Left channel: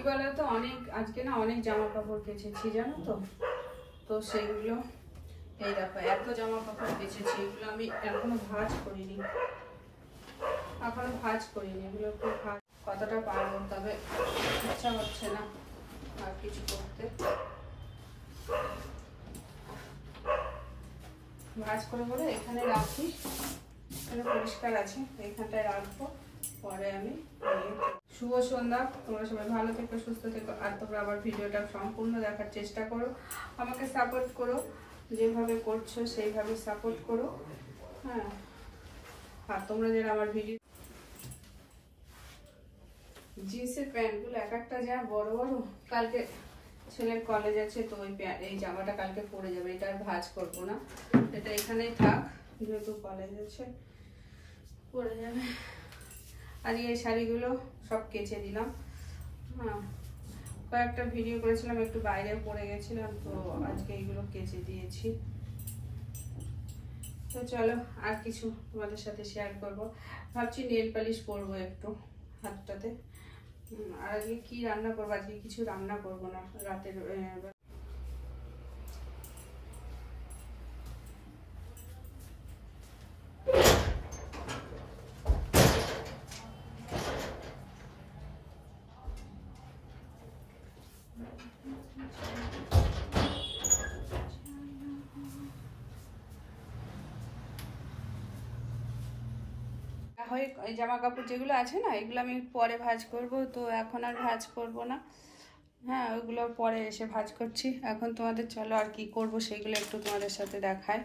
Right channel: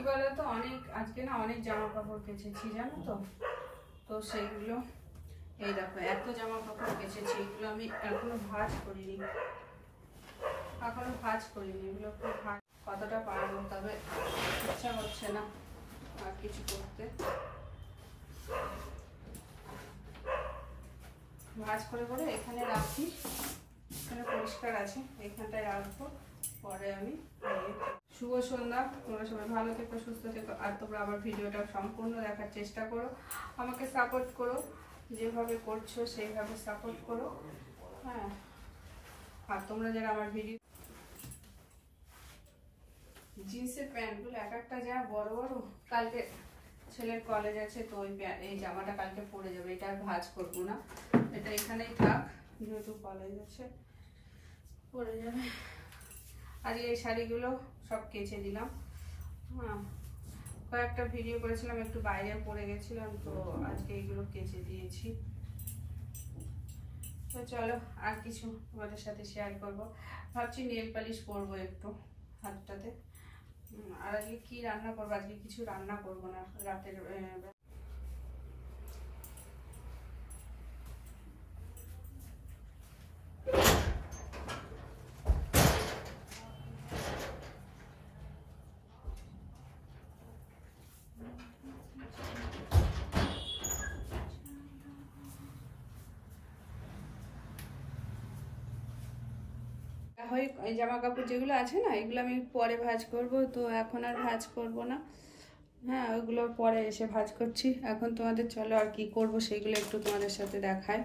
কি বলো তো, আজকে না অনেক জামা কাপড় কেচেছি জানো তো। তো সেইগুলো এই দেখো এত জামা কাপড় কেচেছি, এগুলো আমি এখনো ভাঁজ করিনি। এগুলো খুব কতটা পারবো, তবে ইচ্ছা হচ্ছে না আর কিছু করতে। ভাঁজ করে করে এখানে রাখি, এখানে পরিষ্কার আছে, এখানটায় রাখবো। পরে আমি শুভ সন্ধ্যা, তোমরা সবাই ভালো থেকো, সুস্থ থেকো। আর তোমরা আমার ভিডিওটা সম্পূর্ণ দেখার চেষ্টা করো, আমাকে সাপোর্ট করো, যেভাবে করছো সেইভাবে সাপোর্ট করো। হ্যাঁ, আর তোমরা যারা আমার ভিডিও জিন্সের প্যান্টগুলো এক একটা যা বড় বড়, কালকে ছেলের কলেজ আছে, তো এই জামাটা কালকে পরে যাবে, এটা আর ভাঁজ করবো না, এটা এখানেই থাক, যেহেতু কলেজ আছে পরে যাবে। আজকে এই শাড়িগুলো সব কেচে দিলাম। হ্যাঁ, কয়েকটা ভিডিও করেছিলাম, একটু বাইরে পড়ে গেছিলাম, তো আজকে এইগুলো কেচে দিয়েছি। তো চলো আর কিছু তোমাদের সাথে শেয়ার করব। ভাবছি নেল পালিশ করবো একটু হাতটাতে। আর আজকে কি রান্না করবো, আজকে কিছু রান্না করবো না রাতের। ওই জামা কাপড় যেগুলো আছে না, এগুলো আমি পরে ভাঁজ করব, তো এখন আর ভাঁজ করব না। হ্যাঁ, ওগুলো পরে এসে ভাঁজ করছি। এখন তোমাদের চলো আর কি করব সেগুলো একটু তোমাদের সাথে দেখায়।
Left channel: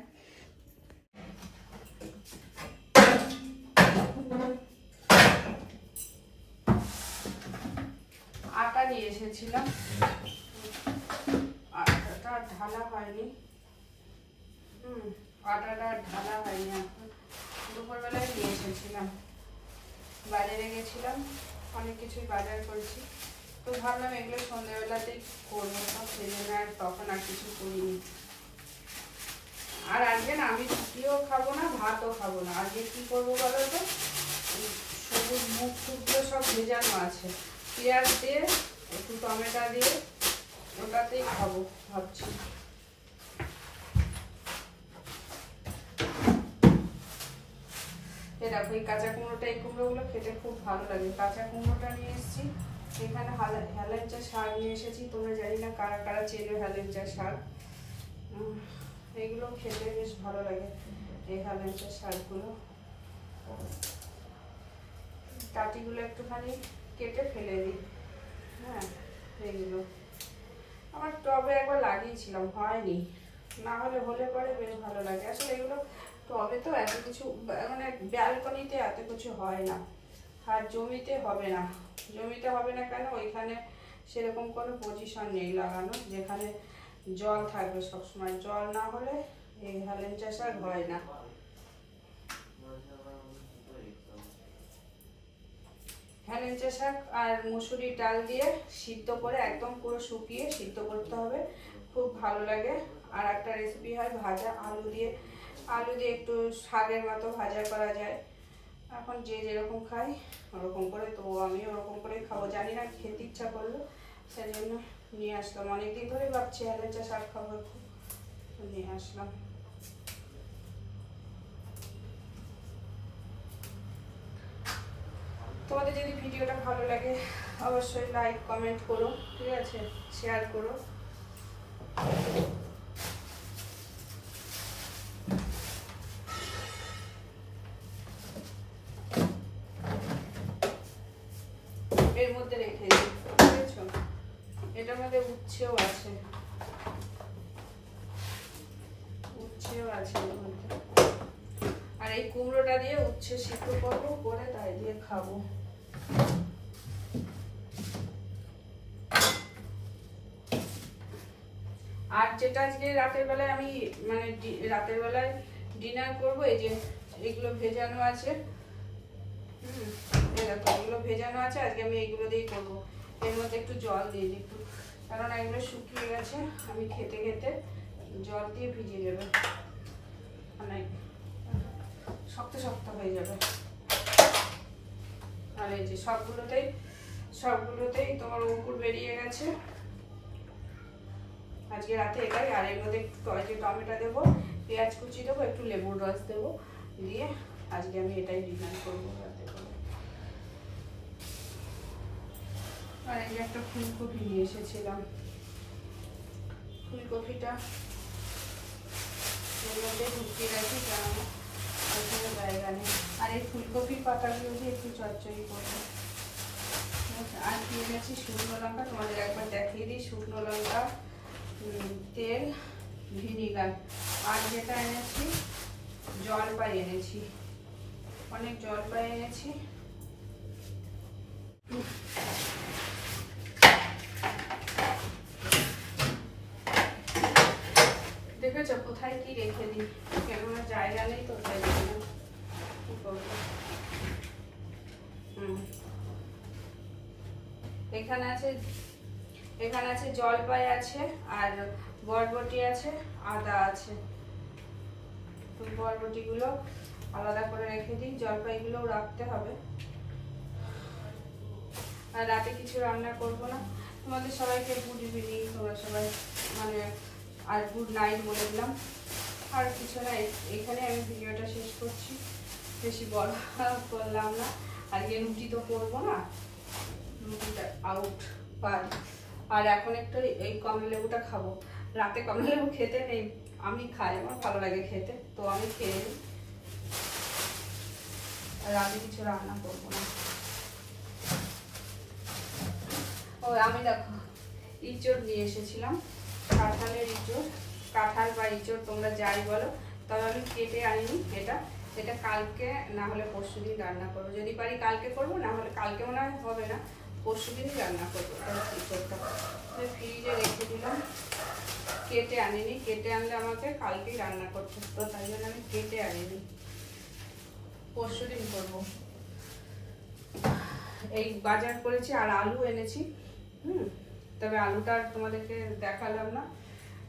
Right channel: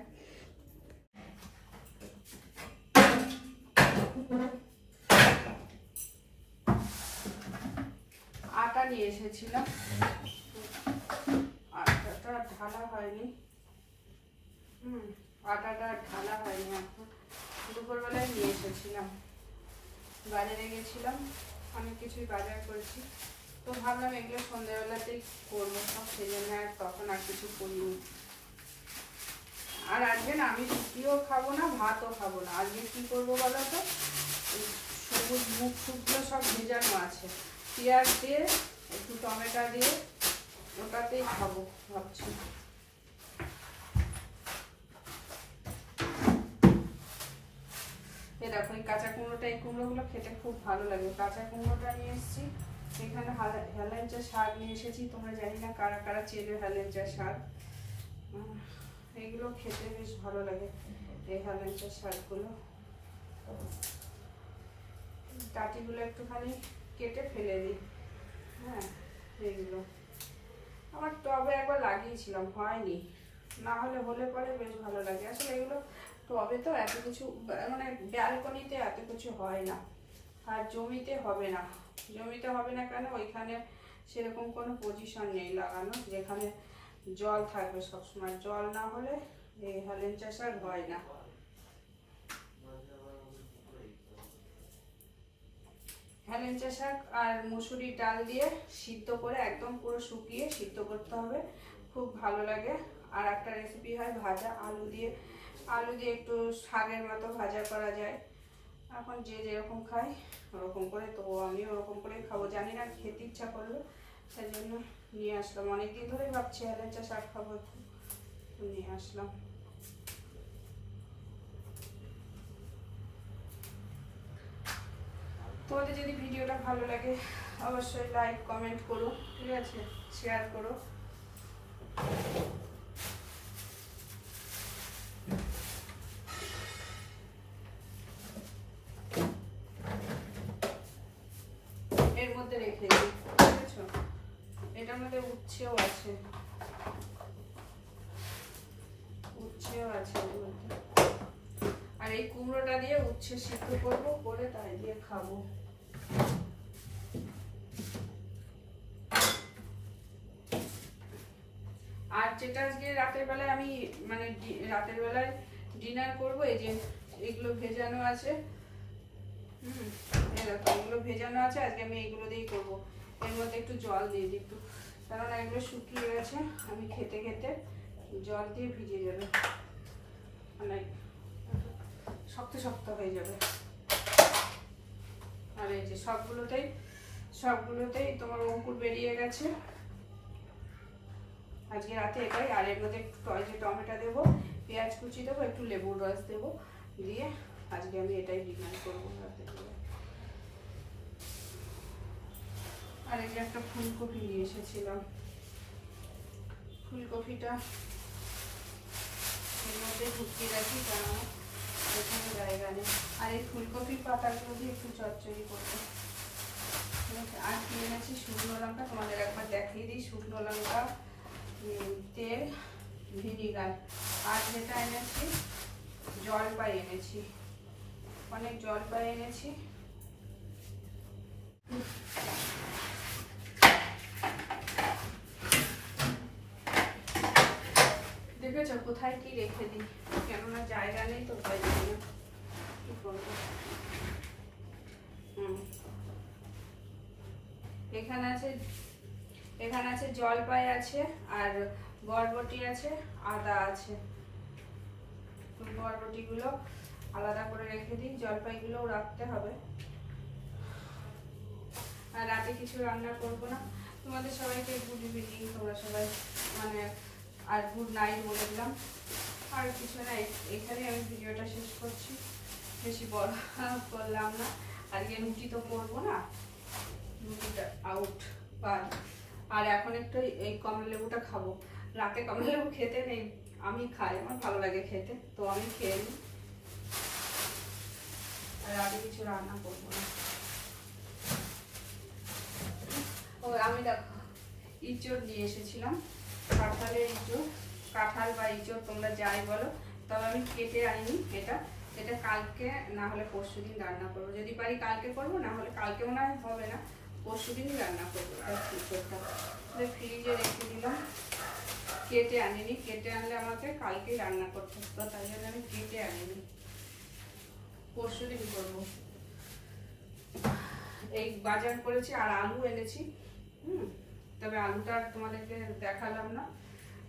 আটা নিয়ে এসেছিলাম, আটাটা ঢালা হয়নি। আটাটা ঢালা হয়নি, এখন দুপুরবেলায় নিয়ে এসেছিলাম, বাজারে গেছিলাম, অনেক কিছুই বাজার করছি, তো ভাবলাম এগুলো সন্ধ্যাবেলাতেই করবো, তো সেই জন্য আর তখন আর কিছু করিনি। আর আজকে না আমি রুটিও খাবো না, ভাতও খাবো না। আজকে কি করবো বলো তো, সবুজ মুখ টুকগুলো সব ভেজানো আছে, পেঁয়াজ দিয়ে একটু টমেটো দিয়ে ওটাতেই খাবো ভাবছি। দেখো এই কাঁচা কুমড়োটা, এই কুমড়োগুলো খেতে খুব ভালো লাগে। কাঁচা কুমড়োটা নিয়ে এসেছি, এখানে হেলেঞ্চা শাক নিয়ে এসেছি। তোমরা জানি না কারা কারা চেনে হেলেঞ্চা শাক, এগুলো খেতে বেশ ভালো লাগে, এই হেলেঞ্চা শাকগুলো। ডাঁটিগুলো একটুখানি কেটে ফেলে দিই। হ্যাঁ, এইগুলো আমার টবে একবার লাগিয়েছিলাম, হয়নি, না হলে পরে বেশ ভালো লাগে। আসলে এগুলো টবে তো এত কিছু, মানে ব্যালকনিতে এত কিছু হয় না, আর জমিতে হবে না। জমিতে হবে না কেন, ওইখানে সেরকম কোনো পজিশন নেই লাগানো যেখানে জল থাকবে সবসময়। জল না হলে এই হেলেঞ্চা শাক হয় না। হেলেঞ্চা শাক আর মুসুরি ডাল দিয়ে সিদ্ধ করে, একদম পুরো শুকিয়ে সিদ্ধ করতে হবে, খুব ভালো লাগে। আর একটা রেসিপি হয় ভাজা আলু দিয়ে একটু শাকের মতো ভাজা করা যায়। এখন যে যেরকম খায় ওরকম করে, তো আমি ওরকম করেই খাবো। জানি না, খেতে ইচ্ছা করলো সেই জন্য নিয়ে আসলাম। অনেকদিন ধরে ভাবছি হেলেঞ্চা শাক খাবো, নিয়ে আসলাম। তোমাদের যদি ভিডিওটা ভালো লাগে অবশ্যই লাইক কমেন্ট করো, ঠিক আছে, শেয়ার করো। এর মধ্যে রেখে দিই, বুঝেছো, এটার মধ্যে উচ্ছেও আছে এর মধ্যে। আর এই কুমড়োটা দিয়ে উচ্ছে সিদ্ধ করবো, করে তাই দিয়ে খাবো। আর যেটা আজকে রাতের বেলায় আমি মানে রাতের বেলায় ডিনার করবো, এই যে এগুলো ভেজানো আছে, দেখো এগুলো ভেজানো আছে, আজকে আমি এইগুলো দিয়েই করবো। এর মধ্যে একটু জল দিয়ে দিই একটু, কারণ এগুলো শুকিয়ে গেছে, আমি খেতে খেতে জল দিয়ে ভিজে যাবে, মানে শক্ত শক্ত হয়ে যাবে। আর এই যে সবগুলোতেই সবগুলোতেই তোমার অঙ্কুর বেরিয়ে গেছে। আজকে রাতে এটাই, আর এর মধ্যে যে টমেটো দেবো, পেঁয়াজ কুচি দেবো, একটু লেবুর রস দেবো, দিয়ে আজকে আমি এটাই ডিনার করবো রাতে করে। আর এই যে একটা ফুলকপি নিয়ে এসেছিলাম, ফুলকপিটা এর মধ্যে ঢুকিয়ে রাখি, কারণ এখানে জায়গা নেই। আর এই ফুলকপির পাতাগুলো দিয়ে একটু চচ্চড়ি করবো। আর কিনে গেছি শুকনো লঙ্কা, তোমাদের একবার দেখিয়ে দিই। শুকনো লঙ্কা, তেল, ভিনিগার, আর যেটা এনেছি জলপাই এনেছি, অনেক জলপাই এনেছি। দেখেছো কোথায় কি রেখে দিই, কেননা জায়গা নেই তো, তাই জন্য কি করবো। এখানে আছে জলপাই আছে, আর বরবটি আছে, আদা আছে। বরবটিগুলো আলাদা করে রেখে দিই, জলপাইগুলোও রাখতে হবে। আর রাতে কিছু রান্না করব না। তোমাদের সবাইকে গুড ইভিনিং, তোমরা সবাই মানে আর গুড নাইট বলে দিলাম। আর কিছু না, এখানে আমি ভিডিওটা শেষ করছি, বেশি বড় করলাম না। আজকে রুটি তো করবো না, রুটিটা আউট। আর এখন একটু এই কমলা লেবুটা খাবো। রাতে কমলা লেবু খেতে নেই, আমি খাই, আমার ভালো লাগে খেতে, তো আমি খেয়ে নিই। আর রাতে কিছু রান্না করবো না। ও আমি দেখো ইঁচড় নিয়ে এসেছিলাম, কাঁঠালের ইঁচড়, কাঁঠাল বা ইঁচড় তোমরা যাই বলো, তবে আমি কেটে আনিনি। এটা কালকে না হলে পরশু দিন রান্না করবো, যদি পারি কালকে করবো, না হলে কালকে মনে হয় হবে না, পরশু দিনই রান্না করবো। ইঁচড়টা ফ্রিজে রেখে দিলাম, কেটে আনিনি। কেটে আনলে আমাকে কালকেই রান্না করতে হতো, তাই জন্য আমি কেটে আনিনি, পরশু দিন করবো। এই বাজার করেছি, আর আলু এনেছি। তবে আলুটা তোমাদেরকে দেখালাম না,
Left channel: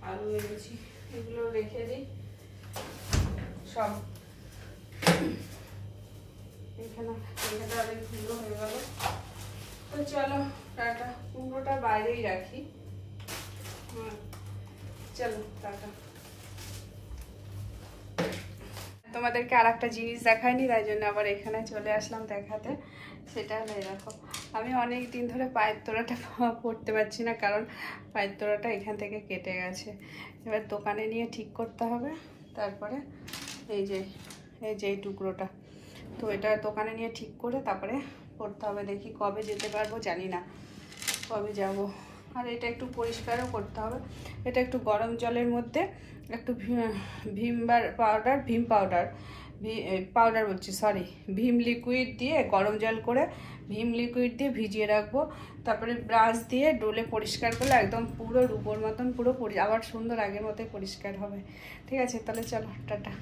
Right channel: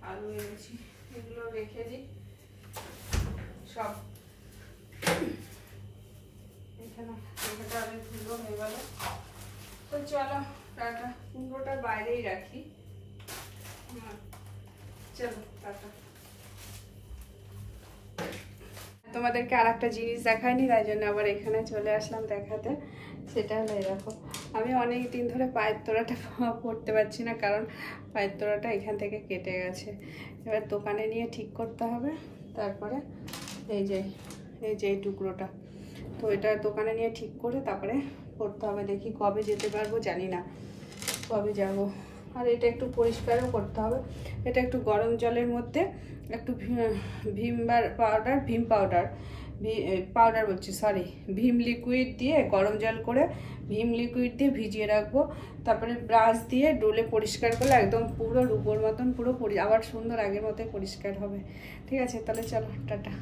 আলু এনেছি। এগুলো রেখে দিই সব। এখানে অনেকগুলো হয়ে গেল, তো চলো টাটা। কুমড়োটা বাইরেই রাখি। চলো টাটা। তোমাদেরকে আর একটা জিনিস দেখায়নি, তাই জন্য আবার এখানে চলে আসলাম দেখাতে। সেটা হলো এরকম, আমি অনেক দিন ধরে পায়ের তোড়াটা পরতে পারছি না, কারণ পায়ের তোড়াটা এখান থেকে কেটে গেছে। এবার দোকানে নিয়ে ঠিক করতে হবে। তারপরে এই যে এই টুকরোটা, তো এটা দোকানে নিয়ে ঠিক করে তারপরে পরতে হবে। দেখি কবে যেতে পারবো জানি না, কবে যাব। আর এটা একটু পরিষ্কারও করতে হবে। এটা একটু গরম জলের মধ্যে একটু ভীম লিকুইড দিয়ে, গরম জল করে ভীম লিকুইড দিয়ে ভিজিয়ে রাখবো। তারপরে ব্রাশ দিয়ে ডলে পরিষ্কার করলে একদম পুরো রূপোর মতন পুরো আবার সুন্দর আগের মতোই পরিষ্কার হবে। ঠিক আছে, তাহলে চলো টাটা।